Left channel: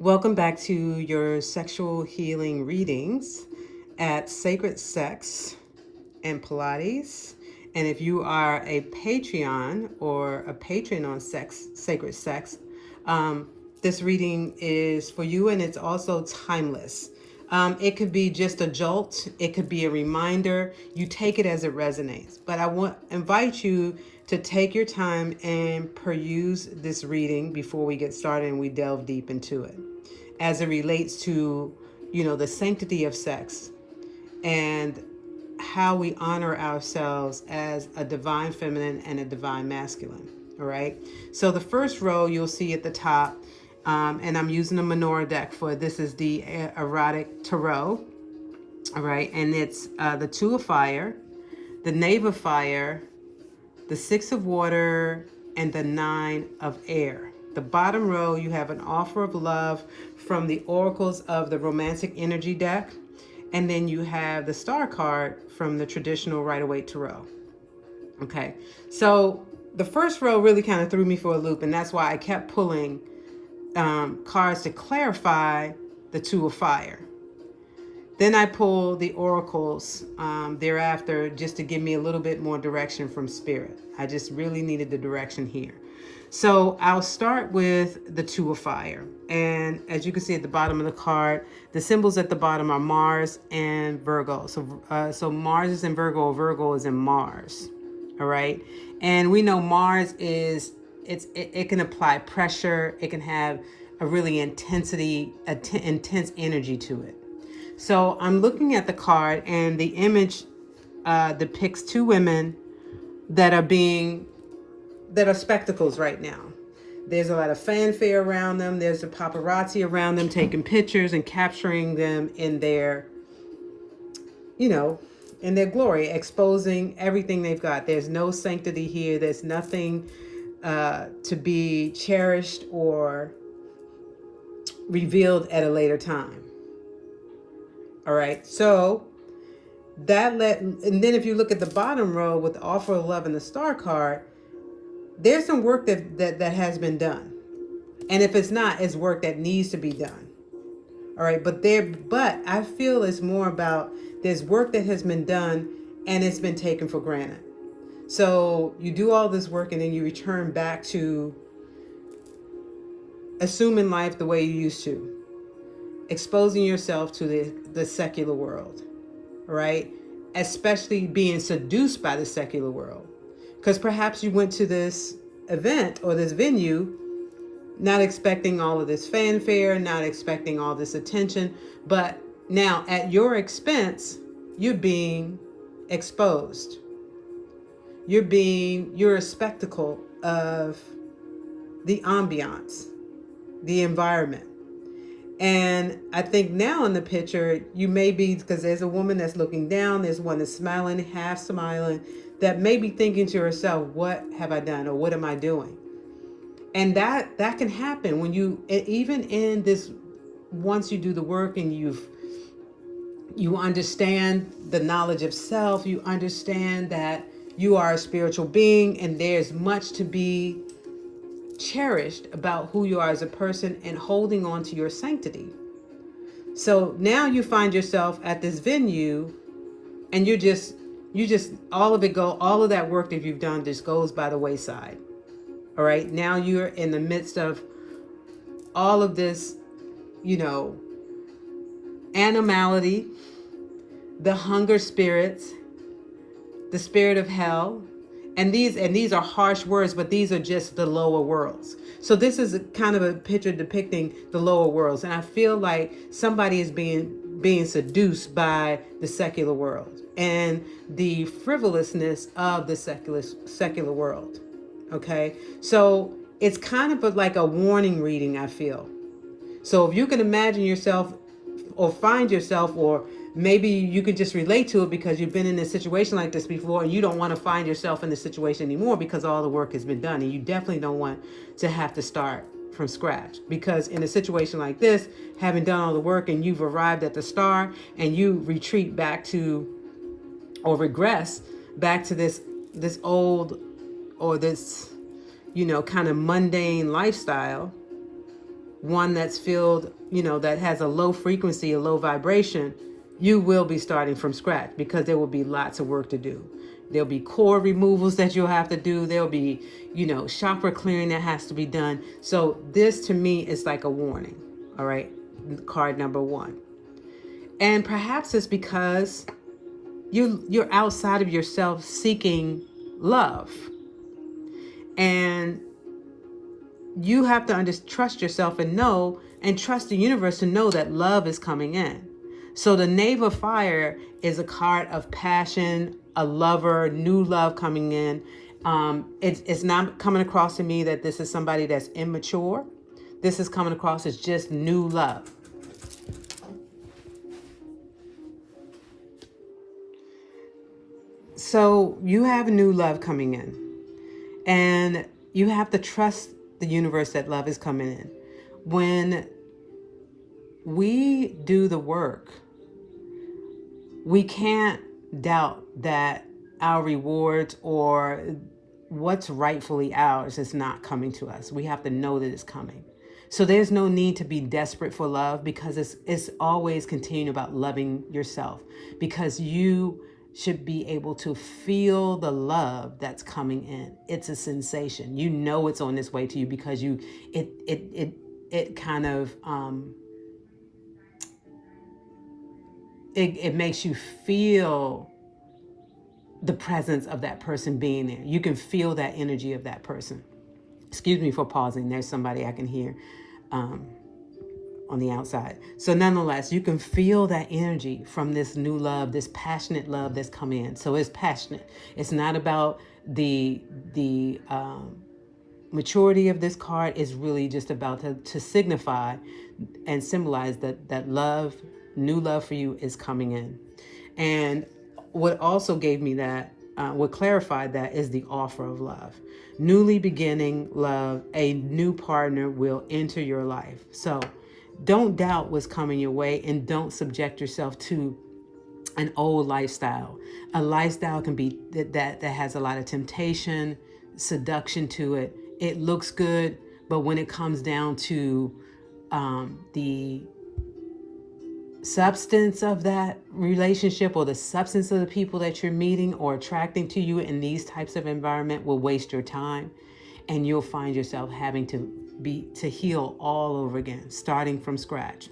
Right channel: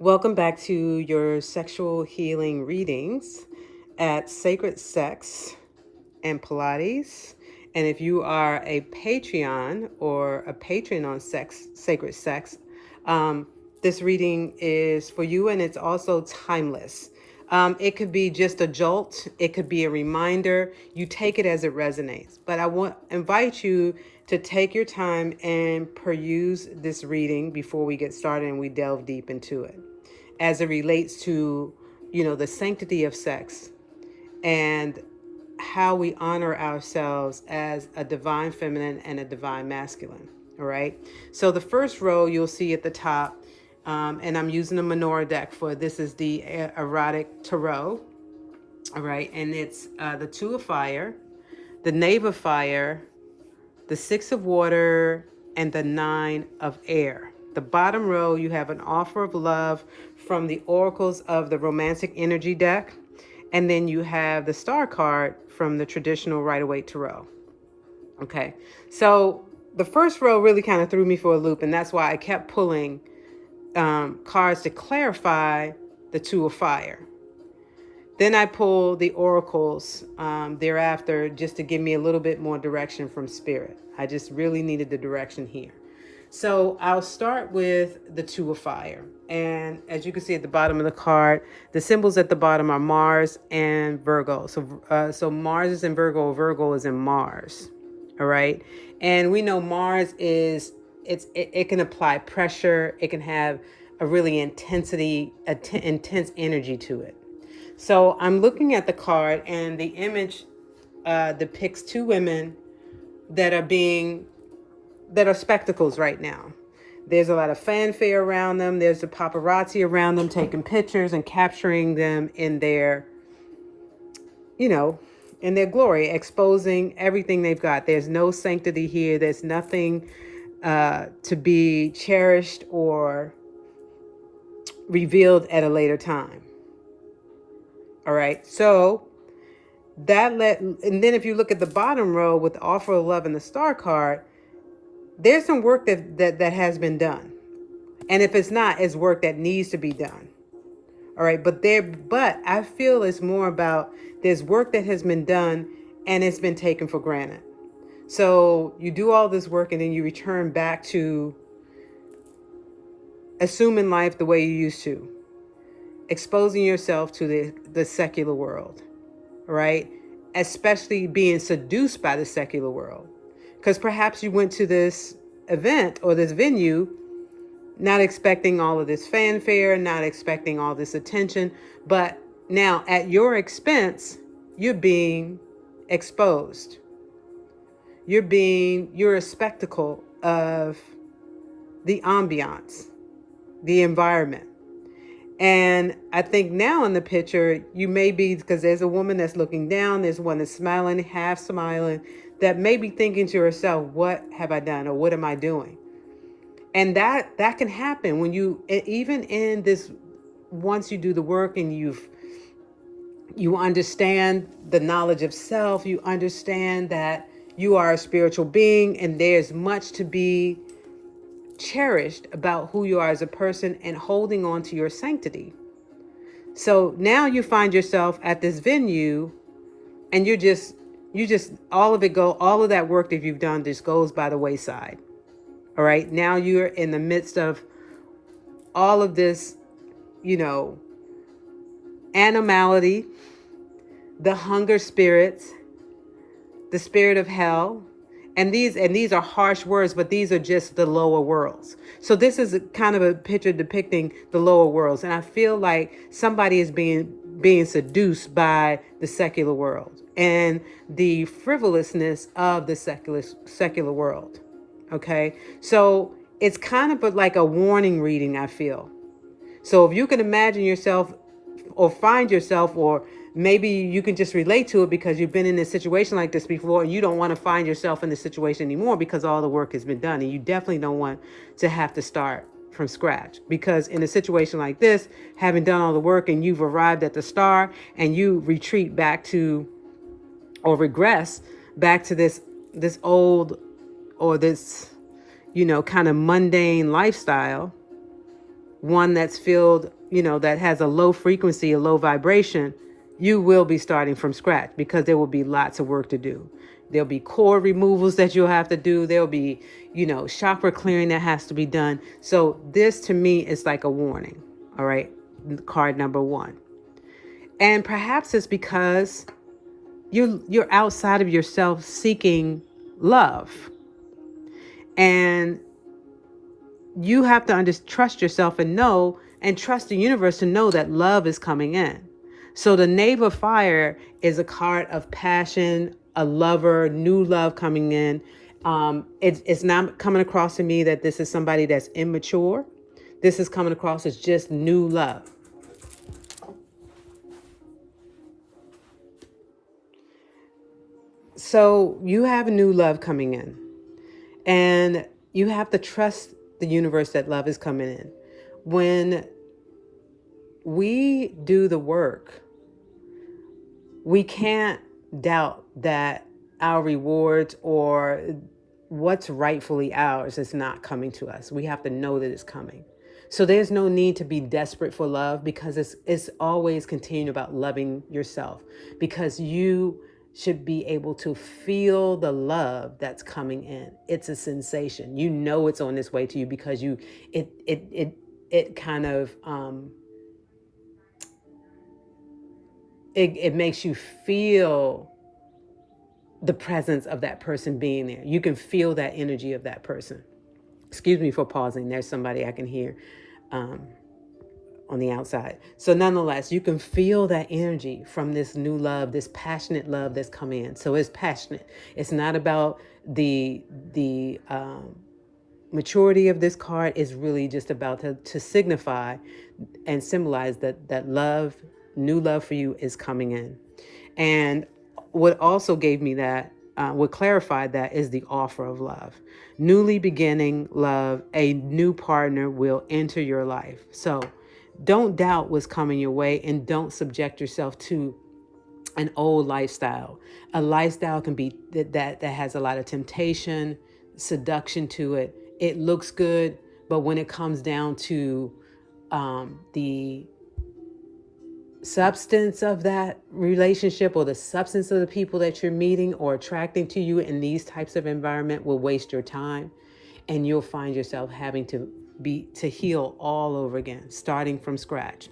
Welcome back to your sexual healing readings at Sacred Sex and Pilates. And if you are a Patreon or a patron on Sacred Sex, this reading is for you, and it's also timeless. It could be just a jolt. It could be a reminder. You take it as it resonates. But I invite you to take your time and peruse this reading before we get started and we delve deep into it, as it relates to, the sanctity of sex and how we honor ourselves as a divine feminine and a divine masculine. All right. So the first row you'll see at the top, and I'm using a menorah deck for this, is the erotic tarot. All right. And it's the Two of Fire, the Knave of Fire, the Six of Water, and the Nine of Air. The bottom row, you have an offer of love from the oracles of the romantic energy deck. And then you have the star card from the traditional Rider-Waite tarot. Okay, so the first row really kind of threw me for a loop, and that's why I kept pulling cards to clarify the Two of Fire. Then I pulled the oracles thereafter just to give me a little bit more direction from Spirit. I just really needed the direction here. So I'll start with the Two of Fire. And as you can see at the bottom of the card, the symbols at the bottom are Mars and Virgo. So Mars is in Virgo, Virgo is in Mars. All right. And we know Mars is, it can apply pressure. It can have a really intense energy to it. So I'm looking at the card, and the image depicts two women that are spectacles right now. There's a lot of fanfare around them. There's the paparazzi around them taking pictures and capturing them in their, in their glory, exposing everything they've got. There's no sanctity here. There's nothing to be cherished or revealed at a later time. All right, so and then if you look at the bottom row with the offer of love and the star card, there's some work that has been done. And if it's not, it's work that needs to be done. All right, but I feel it's more about there's work that has been done and it's been taken for granted. So you do all this work and then you return back to assuming life the way you used to, exposing yourself to the secular world, right? Especially being seduced by the secular world. Because perhaps you went to this event or this venue not expecting all of this fanfare, not expecting all this attention, but now at your expense, you're being exposed. You're a spectacle of the ambiance, the environment. And I think now in the picture, you may be, because there's a woman that's looking down, there's one that's smiling, half smiling, that may be thinking to herself, what have I done or what am I doing? And that can happen when even in this, once you do the work and you understand the knowledge of self, you understand that you are a spiritual being and there's much to be cherished about who you are as a person and holding on to your sanctity. So now you find yourself at this venue and you just all of that work that you've done just goes by the wayside. All right, now you're in the midst of all of this, animality, the hunger spirits, the spirit of hell. And these are harsh words, but these are just the lower worlds. So this is kind of a picture depicting the lower worlds. And I feel like somebody is being seduced by the secular world and the frivolousness of the secular world. Okay, so it's kind of like a warning reading, I feel. So if you can imagine yourself or find yourself, or maybe you can just relate to it because you've been in a situation like this before and you don't want to find yourself in this situation anymore because all the work has been done, and you definitely don't want to have to start from scratch, because in a situation like this, having done all the work and you've arrived at the star and you retreat back to, or regress back to this old, or this, kind of mundane lifestyle, one that's filled, that has a low frequency, a low vibration, you will be starting from scratch because there will be lots of work to do. There'll be core removals that you'll have to do. There'll be, chakra clearing that has to be done. So this to me is like a warning. All right. Card number 1. And perhaps it's because you're outside of yourself seeking love. And you have to trust yourself and trust the universe to know that love is coming in. So the Knave of Fire is a card of passion, a lover, new love coming in. It's not coming across to me that this is somebody that's immature. This is coming across as just new love. So you have new love coming in, and you have to trust the universe that love is coming in. When we do the work, we can't doubt that our rewards or what's rightfully ours is not coming to us. We have to know that it's coming. So there's no need to be desperate for love, because it's always continuing about loving yourself, because you should be able to feel the love that's coming in. It's a sensation. It's on its way to you because it kind of it makes you feel the presence of that person being there. You can feel that energy of that person. Excuse me for pausing. There's somebody I can hear on the outside. So nonetheless, you can feel that energy from this new love, this passionate love that's coming in. So it's passionate. It's not about the maturity of this card. Is really just about to signify and symbolize that love, new love for you is coming in. And what also gave me that, what clarified that, is the offer of love. Newly beginning love, a new partner will enter your life. So don't doubt what's coming your way, and don't subject yourself to an old lifestyle. A lifestyle can be that has a lot of temptation, seduction to it. It looks good, but when it comes down to the substance of that relationship, or the substance of the people that you're meeting or attracting to you in these types of environment, will waste your time, and you'll find yourself having to heal all over again, starting from scratch.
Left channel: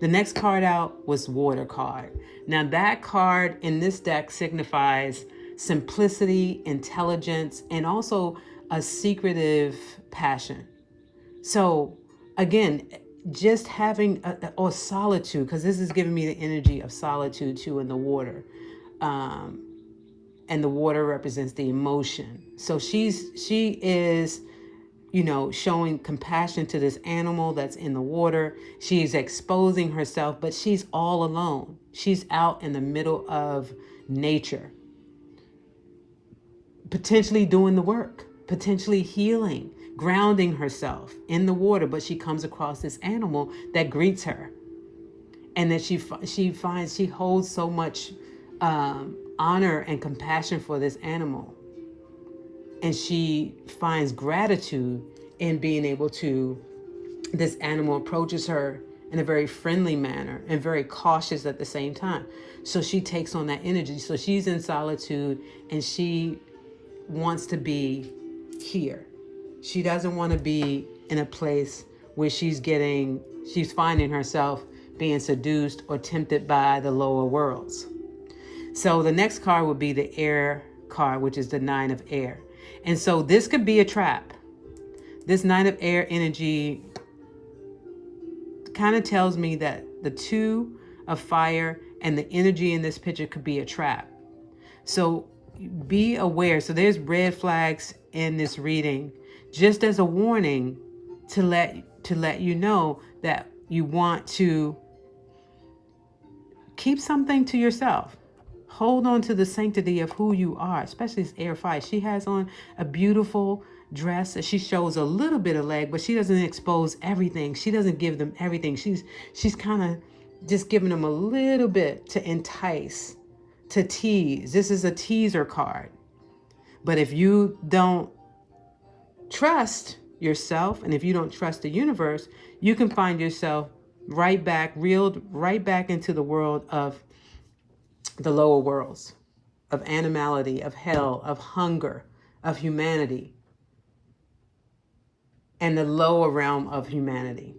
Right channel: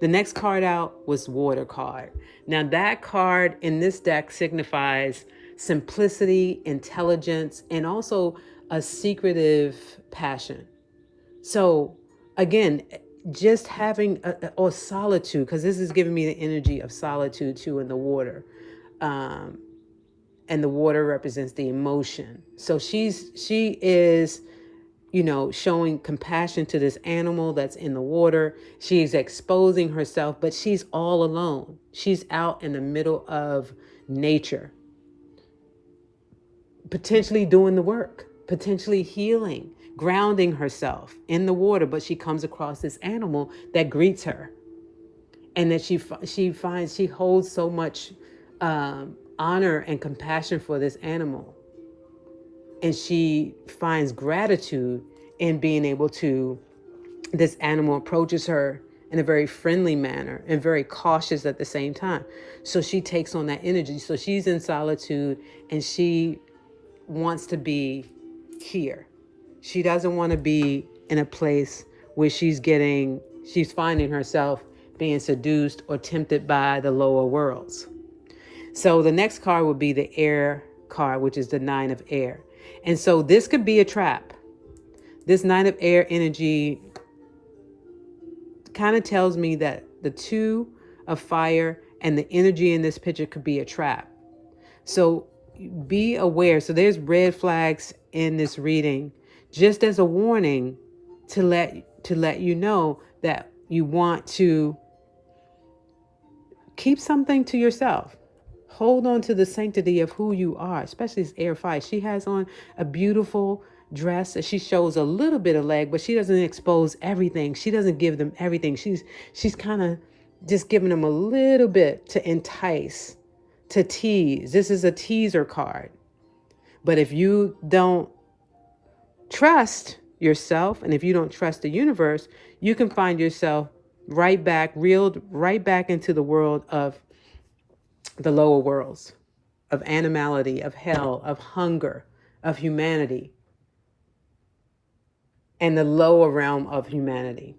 The next card out was Water card. Now that card in this deck signifies simplicity, intelligence, and also a secretive passion. So again, just having or solitude, because this is giving me the energy of solitude too in the water. And the water represents the emotion. So she is, showing compassion to this animal that's in the water. She's exposing herself, but she's all alone. She's out in the middle of nature, potentially doing the work, potentially healing, grounding herself in the water. But she comes across this animal that greets her, and that she holds so much honor and compassion for this animal. And she finds gratitude in being able to, this animal approaches her in a very friendly manner and very cautious at the same time. So she takes on that energy. So she's in solitude, and she wants to be here. She doesn't want to be in a place where she's finding herself being seduced or tempted by the lower worlds. So the next card would be the Air card, which is the Nine of Air. And so this could be a trap. This Nine of Air energy kind of tells me that the Two of Fire and the energy in this picture could be a trap. So be aware. So there's red flags in this reading, just as a warning to let you know that you want to keep something to yourself. Hold on to the sanctity of who you are, especially this Air Fire. She has on a beautiful dress. She shows a little bit of leg, but she doesn't expose everything. She doesn't give them everything. She's kind of just giving them a little bit to entice, to tease. This is a teaser card. But if you don't trust yourself, and if you don't trust the universe, you can find yourself reeled right back into the world of the lower worlds, of animality, of hell, of hunger, of humanity, and the lower realm of humanity.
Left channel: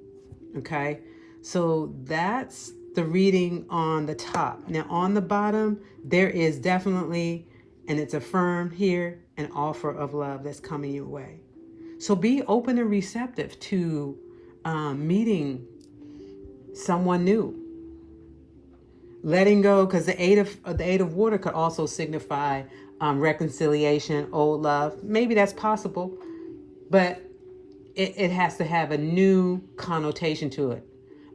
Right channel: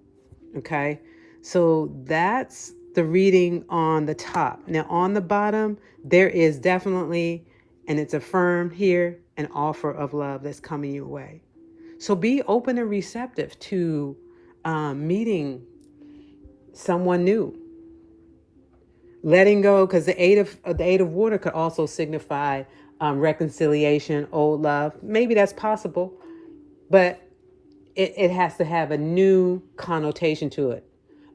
Okay, so that's the reading on the top. Now on the bottom, there is definitely, and it's affirmed here, an offer of love that's coming your way. So be open and receptive to meeting someone new. Letting go, because the eight of water could also signify reconciliation, old love. Maybe that's possible, but it has to have a new connotation to it,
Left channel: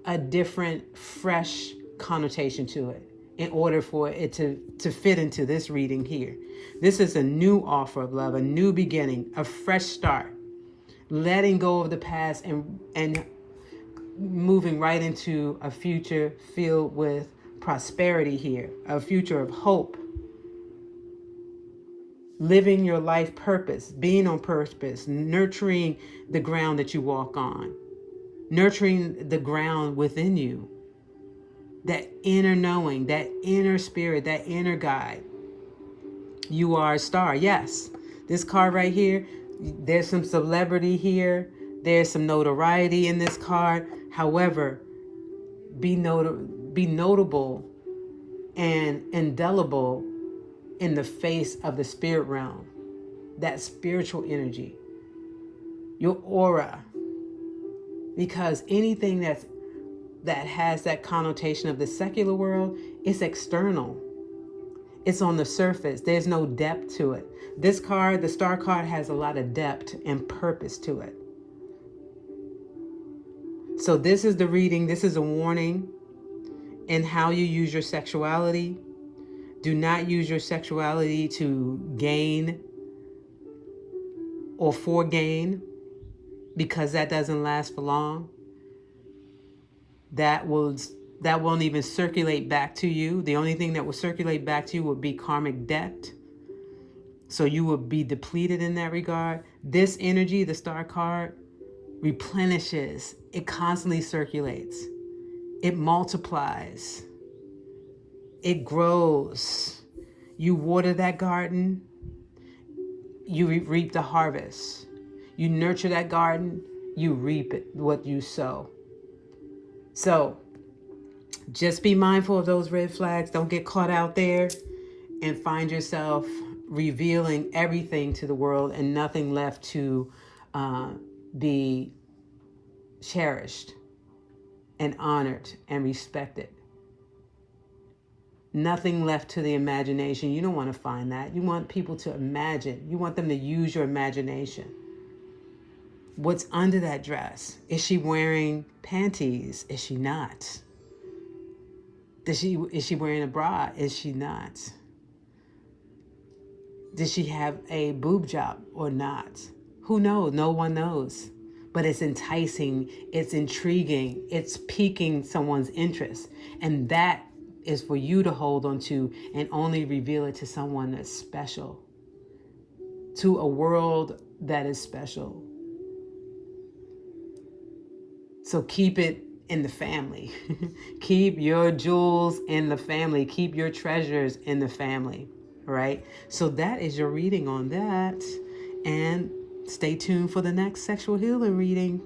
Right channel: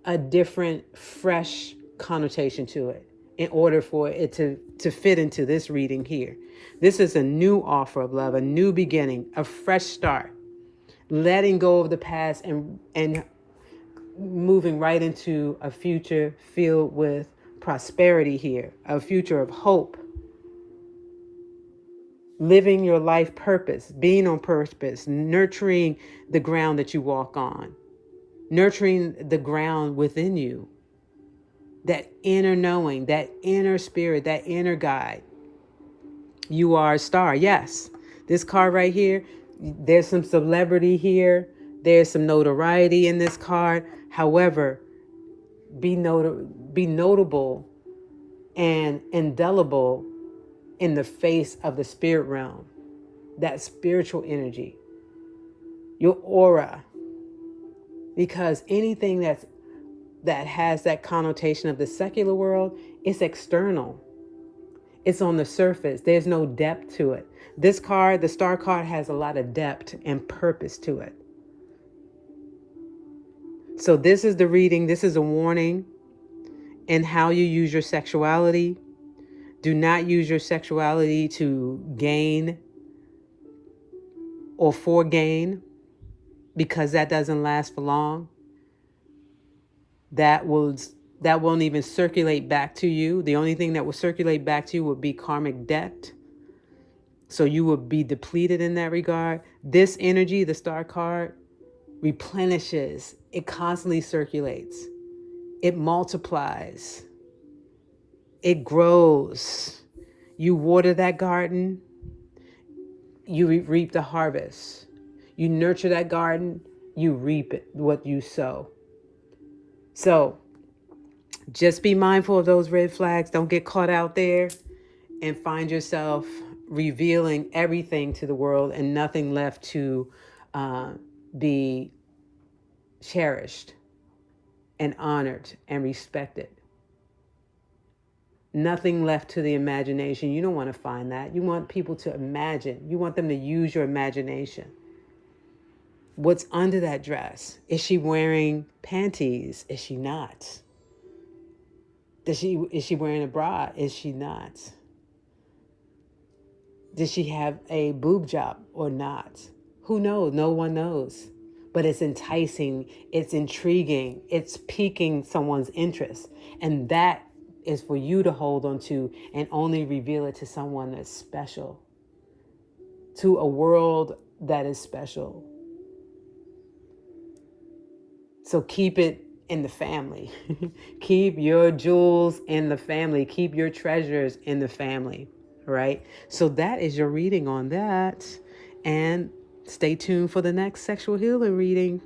a different, fresh connotation to it, in order for it to fit into this reading here. This is a new offer of love, a new beginning, a fresh start, letting go of the past and moving right into a future filled with prosperity here, a future of hope, living your life purpose, being on purpose, nurturing the ground that you walk on, nurturing the ground within you, that inner knowing, that inner spirit, that inner guide. You are a star. Yes, this card right here, there's some celebrity here, there's some notoriety in this card. However, be notable and indelible in the face of the spirit realm, that spiritual energy, your aura, because anything that has that connotation of the secular world, it's external, it's on the surface, there's no depth to it. This card, the star card, has a lot of depth and purpose to it. So this is the reading, this is a warning in how you use your sexuality. Do not use your sexuality to gain or for gain, because that doesn't last for long. That won't even circulate back to you. The only thing that will circulate back to you would be karmic debt. So you will be depleted in that regard. This energy, the star card, replenishes. It constantly circulates. It multiplies. It grows. You water that garden, you reap the harvest. You nurture that garden, you reap it, what you sow. So just be mindful of those red flags. Don't get caught out there and find yourself revealing everything to the world and nothing left to be cherished and honored and respected. Nothing left to the imagination. You don't want to find that. You want people to imagine. You want them to use your imagination. What's under that dress? Is she wearing panties? Is she not? Is she wearing a bra? Is she not? Does she have a boob job or not? Who knows? No one knows. But it's enticing, it's intriguing, it's piquing someone's interest. And that is for you to hold on to and only reveal it to someone that's special, to a world that is special. So keep it in the family. Keep your jewels in the family. Keep your treasures in the family, right? So that is your reading on that. And stay tuned for the next sexual healing reading.